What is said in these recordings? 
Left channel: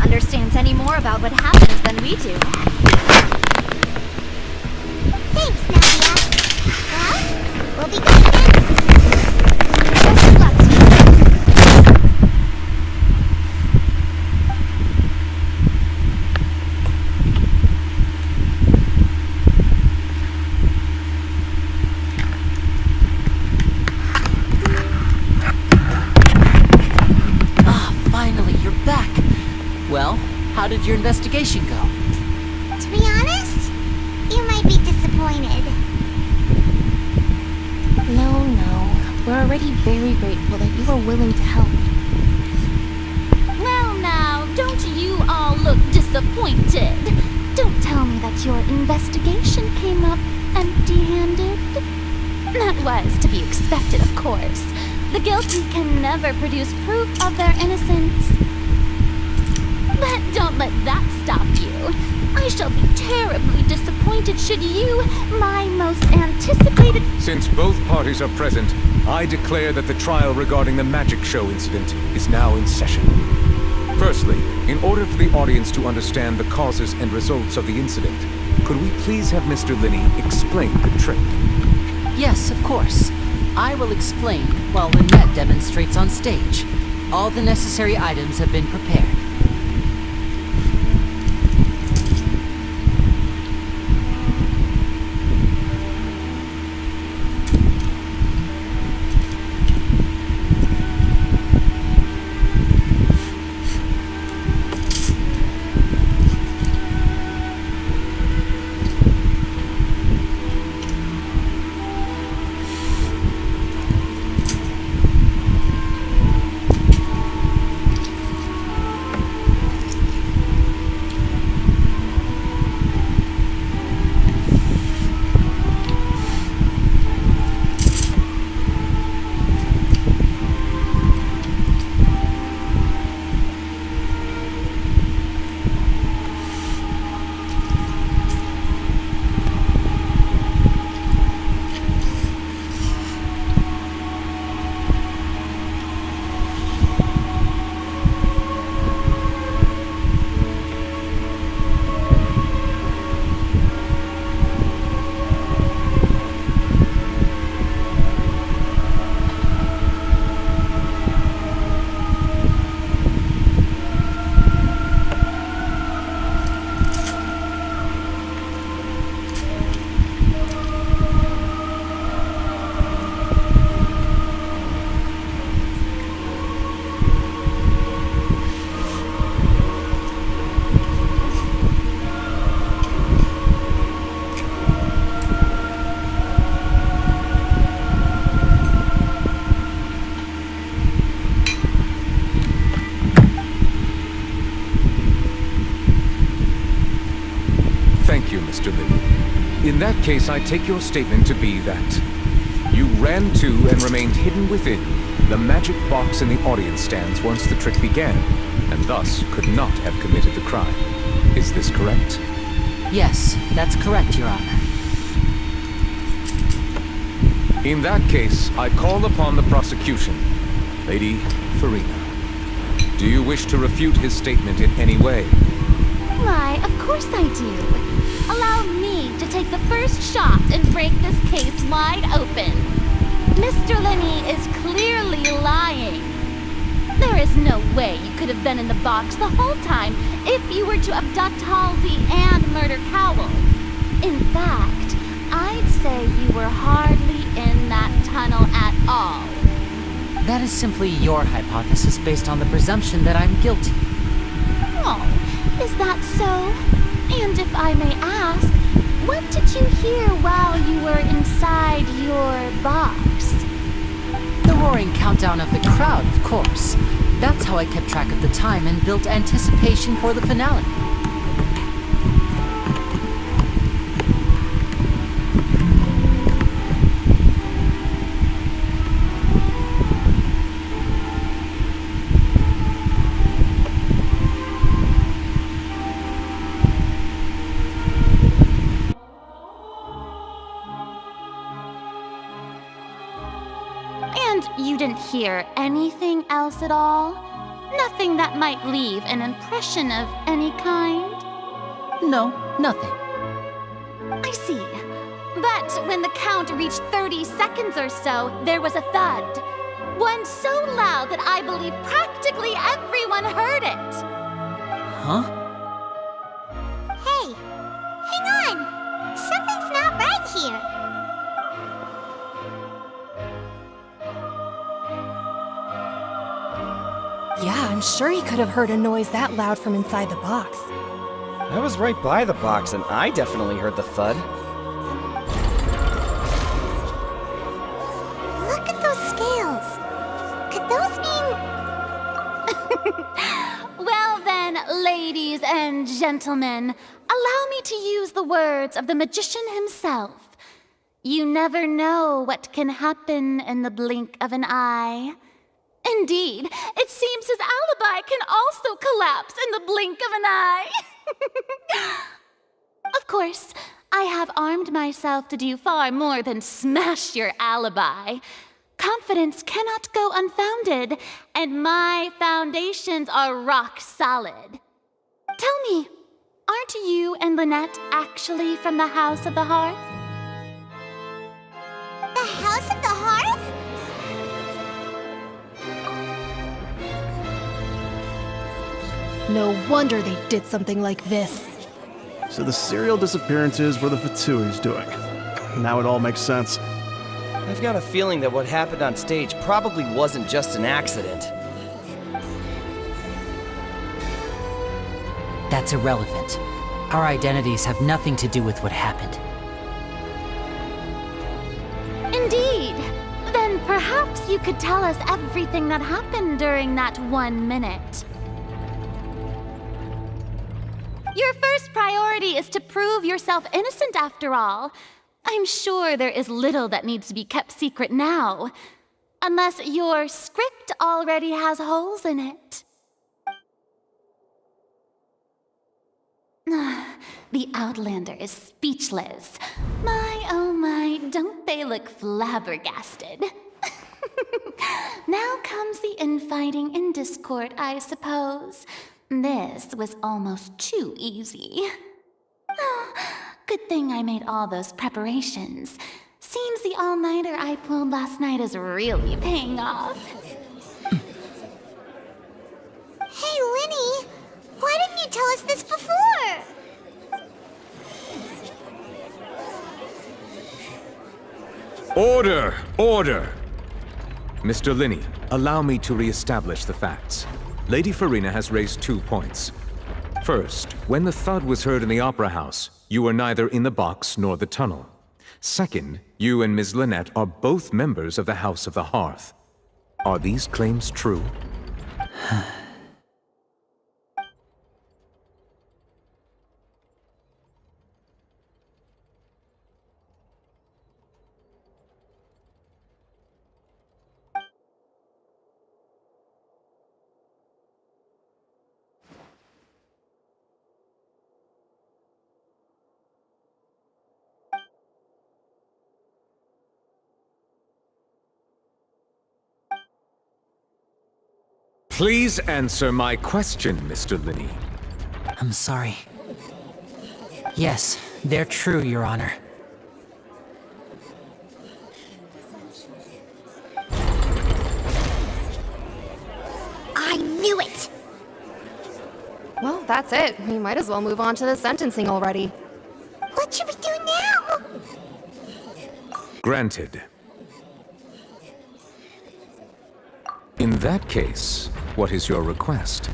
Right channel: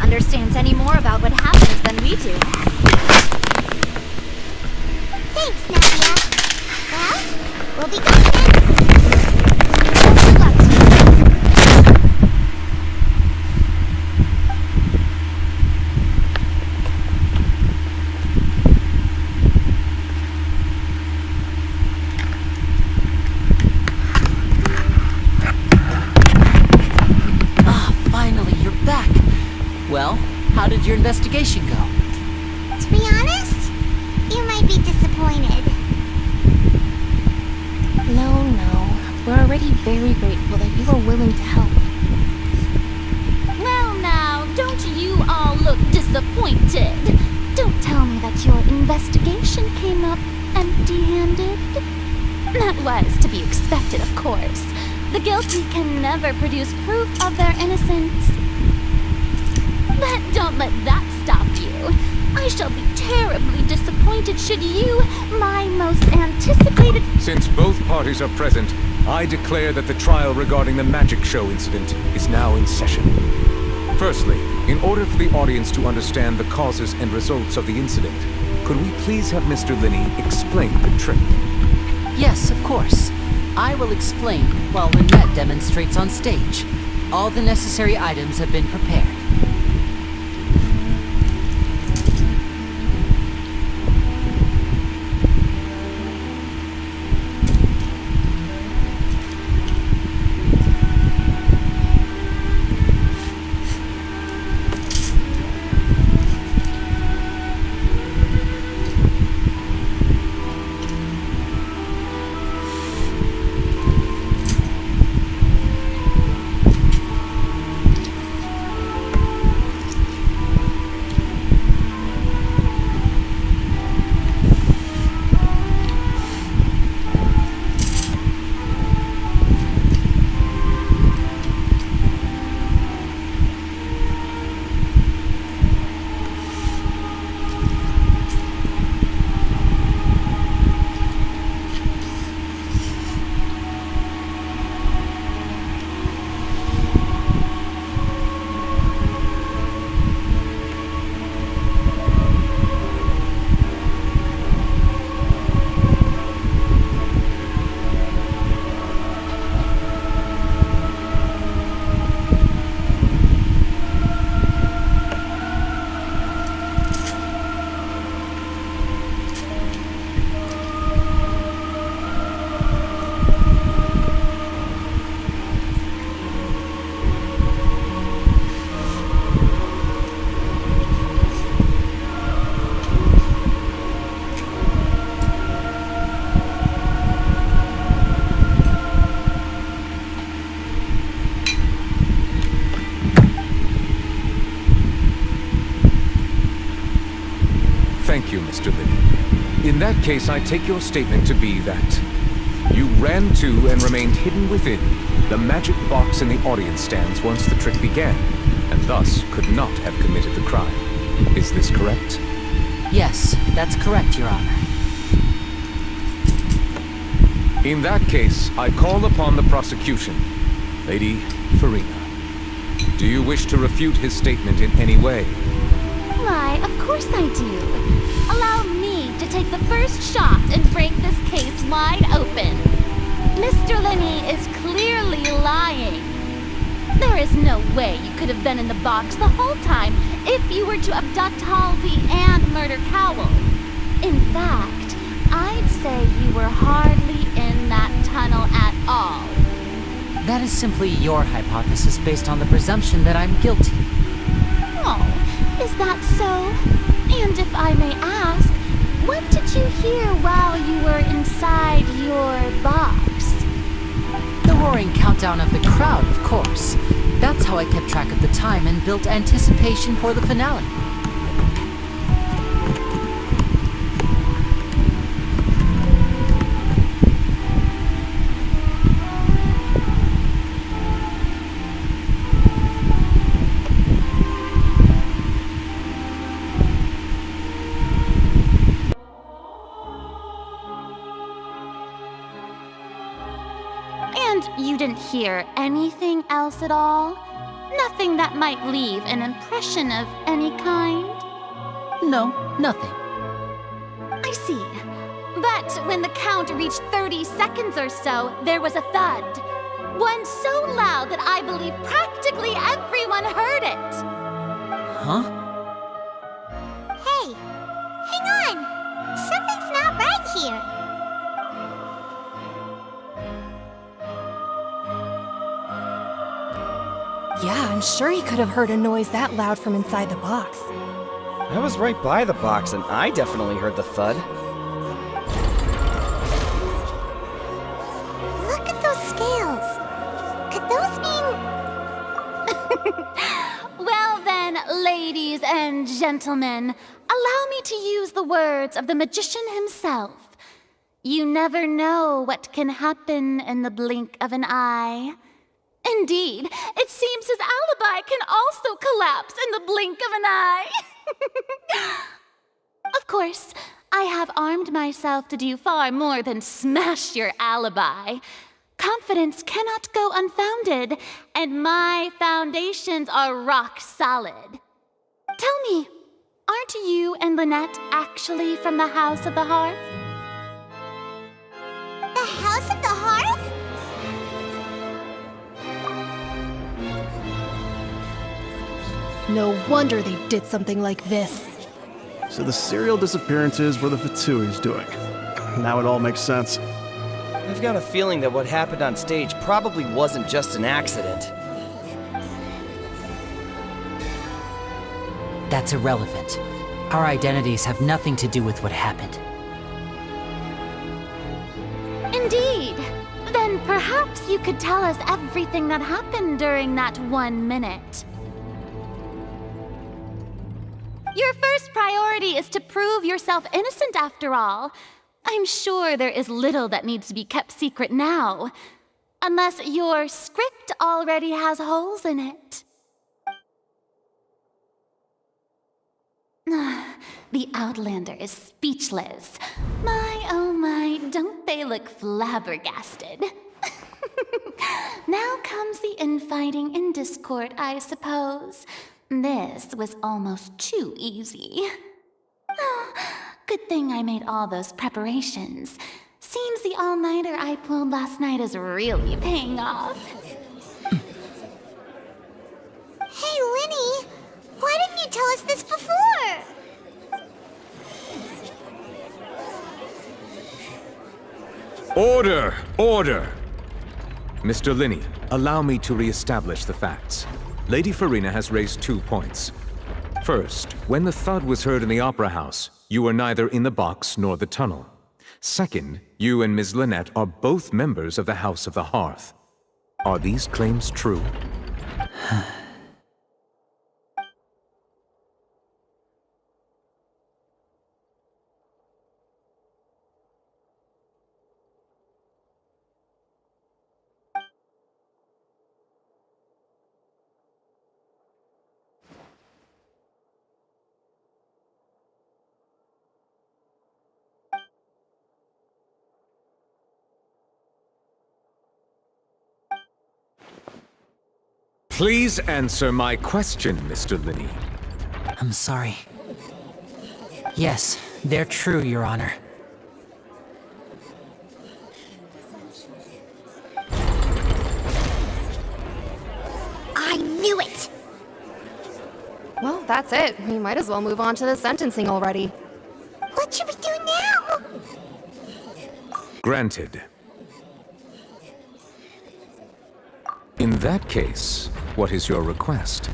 Understands any more about what happens than we do. Thanks, Nadia. Well, we'll be going then. Best of luck to you. Finally, you're back. Well, how did your investigation go? To be honest, you might be disappointed. No. We're already very grateful that you were willing to help. Well now, don't you all look disappointed? Don't tell me that your investigation came up empty-handed. That was to be expected, of course. The guilty can never produce proof of their innocence. But don't let that stop you. I shall be terribly disappointed should you, my most anticipated... Since both parties are present, I declare that the trial regarding the magic show incident is now in session. Firstly, in order for the audience to understand the causes and results of the incident, could we please have Mr. Linney explain the trick? Yes, of course. I will explain while Lynette demonstrates on stage. All the necessary items have been prepared. Thank you, Mr. Liddy. In that case, I take your statement to be that you ran to and remained hidden within the magic box in the audience stands once the trick began, and thus could not have committed the crime. Is this correct? Yes, that's correct, Your Honor. In that case, I call upon the prosecution. Lady Farina, do you wish to refute his statement in any way? Why, of course I do. Allow me to take the first shot and break this case wide open. Mr. Lenny is clearly lying. There is no way you could have been in the box the whole time if you were to abduct Halsey and murder Cowell. In fact, I'd say you were hardly in that tunnel at all. That is simply your hypothesis based on the presumption that I'm guilty. Oh, is that so? And if I may ask, what did you hear while you were inside your box? The roaring countdown of the crowd, of course. That's how I kept track of the time and built anticipation for the finale. And you didn't hear anything else at all? Nothing that might leave an impression of any kind? No, nothing. I see. But when the count reached 30 seconds or so, there was a thud. One so loud that I believe practically everyone heard it. Huh? Hey, hang on! Something's not right here. Yeah, I'm sure he could have heard a noise that loud from inside the box. I was right by the box and I definitely heard the thud. Look at those scales. Could those mean... Well then, ladies and gentlemen, allow me to use the words of the magician himself. You never know what can happen in the blink of an eye. Indeed, it seems his alibi can also collapse in the blink of an eye. Of course, I have armed myself to do far more than smash your alibi. Confidence cannot go unfounded, and my foundations are rock solid. Tell me, aren't you and Lynette actually from the House of the Hearth? The House of the Hearth? No wonder they did something like this. So the serial disappearances were the Fatui's doing. Now it all makes sense. I've got a feeling that what happened on stage probably wasn't just an accident. That's irrelevant. Our identities have nothing to do with what happened. Indeed. Then perhaps you could tell us everything that happened during that 1 minute. Your first priority is to prove yourself innocent, after all. I'm sure there is little that needs to be kept secret now. Unless your script already has holes in it. The Outlander is speechless. My, oh my, don't they look flabbergasted? Now comes the infighting and discord, I suppose. This was almost too easy. Good thing I made all those preparations. Seems the all-nighter I pulled last night is really paying off. Hey, Lenny! Why didn't you tell us this before? Order! Order! Mr. Linney, allow me to re-establish the facts. Lady Farina has raised 2 points. First, when the thud was heard in the Opera House, you were neither in the box nor the tunnel. Second, you and Ms. Lynette are both members of the House of the Hearth. Are these claims true? Please answer my question, Mr. Linney. I'm sorry. Yes, they're true, Your Honor. I knew it! Well, that's it. We might as well move on to the sentencing already. What should we do now? Granted. In that case, what is your request?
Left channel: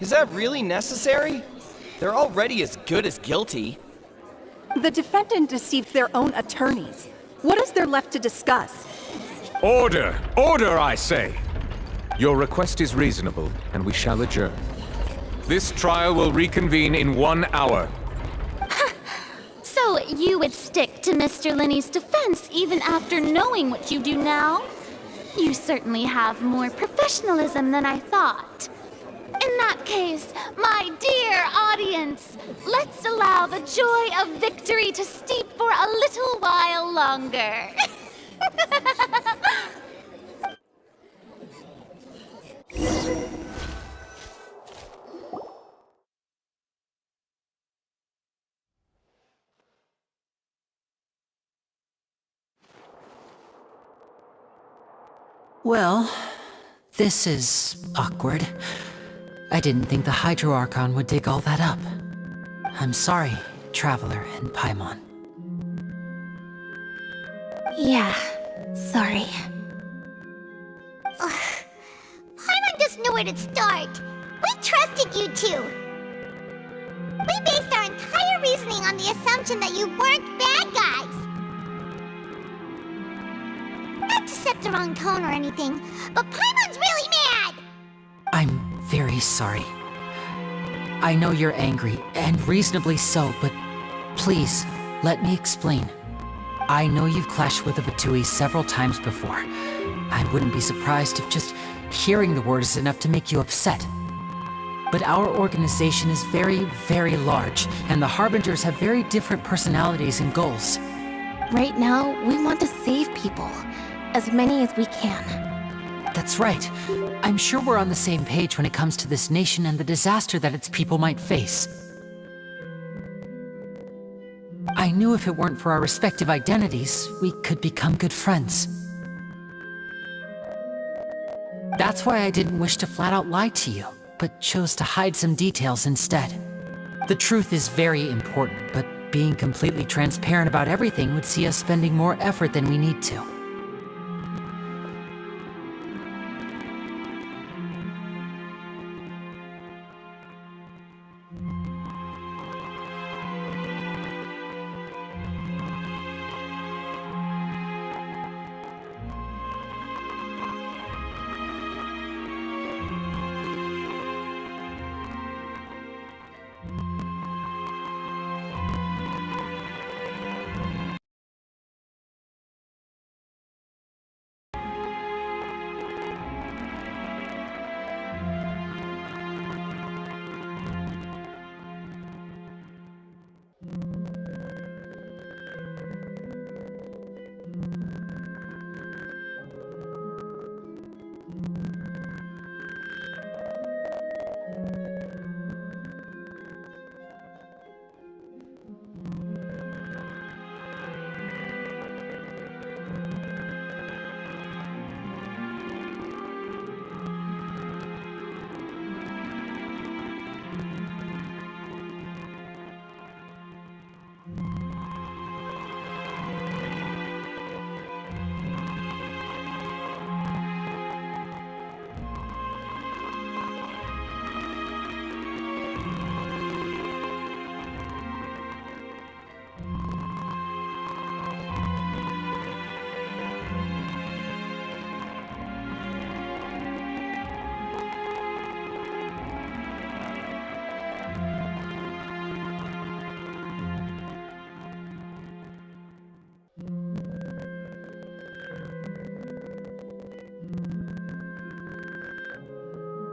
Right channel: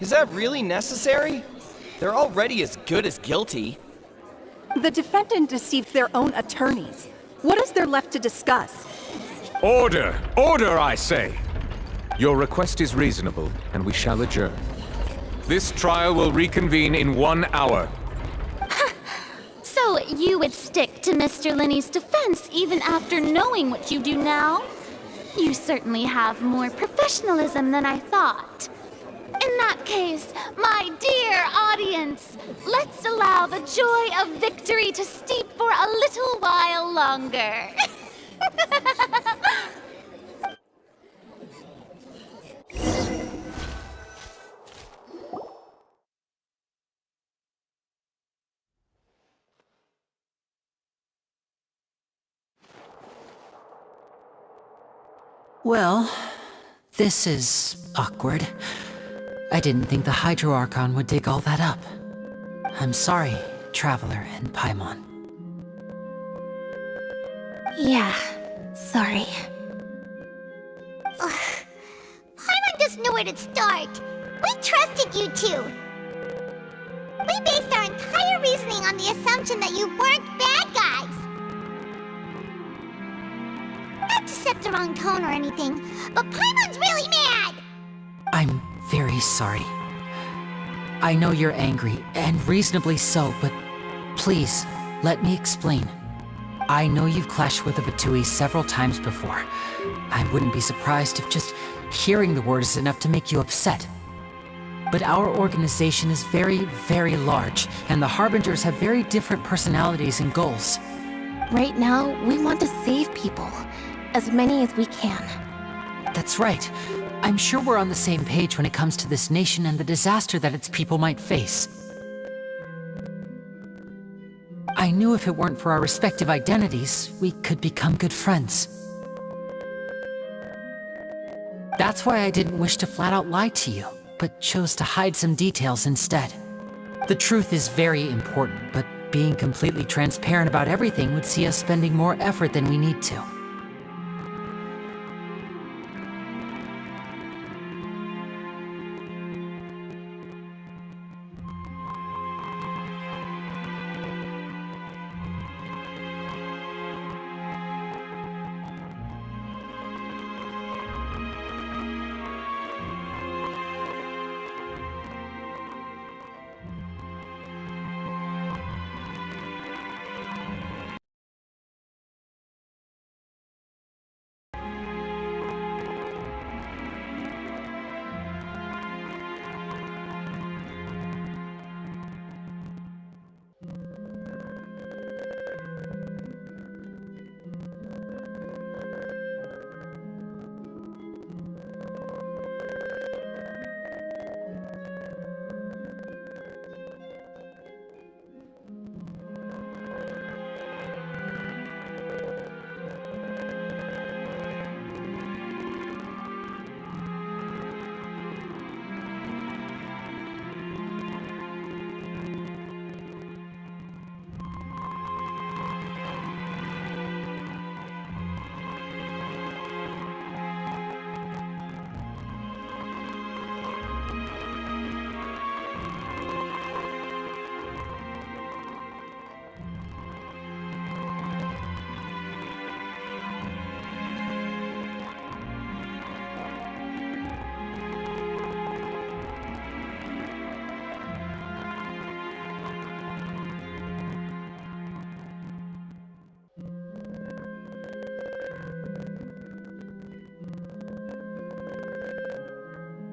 Is that really necessary? They're already as good as guilty. The defendant deceived their own attorneys. What is there left to discuss? Order! Order, I say! Your request is reasonable, and we shall adjourn. This trial will reconvene in 1 hour. So you would stick to Mr. Linney's defense even after knowing what you do now? You certainly have more professionalism than I thought. In that case, my dear audience, let's allow the joy of victory to steep for a little while longer. Well, this is awkward. I didn't think the Hydro Archon would dig all that up. I'm sorry, Traveler and Paimon. Yeah, sorry. Paimon doesn't know where to start. We trusted you two. We based our entire reasoning on the assumption that you weren't bad guys. Not to set the wrong tone or anything, but Paimon's really mad! I'm very sorry. I know you're angry, and reasonably so, but please, let me explain. I know you've clashed with the Fatui several times before. I wouldn't be surprised if just hearing the word is enough to make you upset. But our organization is very, very large, and the Harbingers have very different personalities and goals. Right now, we want to save people. As many as we can. That's right. I'm sure we're on the same page when it comes to this nation and the disaster that its people might face. I knew if it weren't for our respective identities, we could become good friends. That's why I didn't wish to flat out lie to you, but chose to hide some details instead. The truth is very important, but being completely transparent about everything would see us spending more effort than we need to.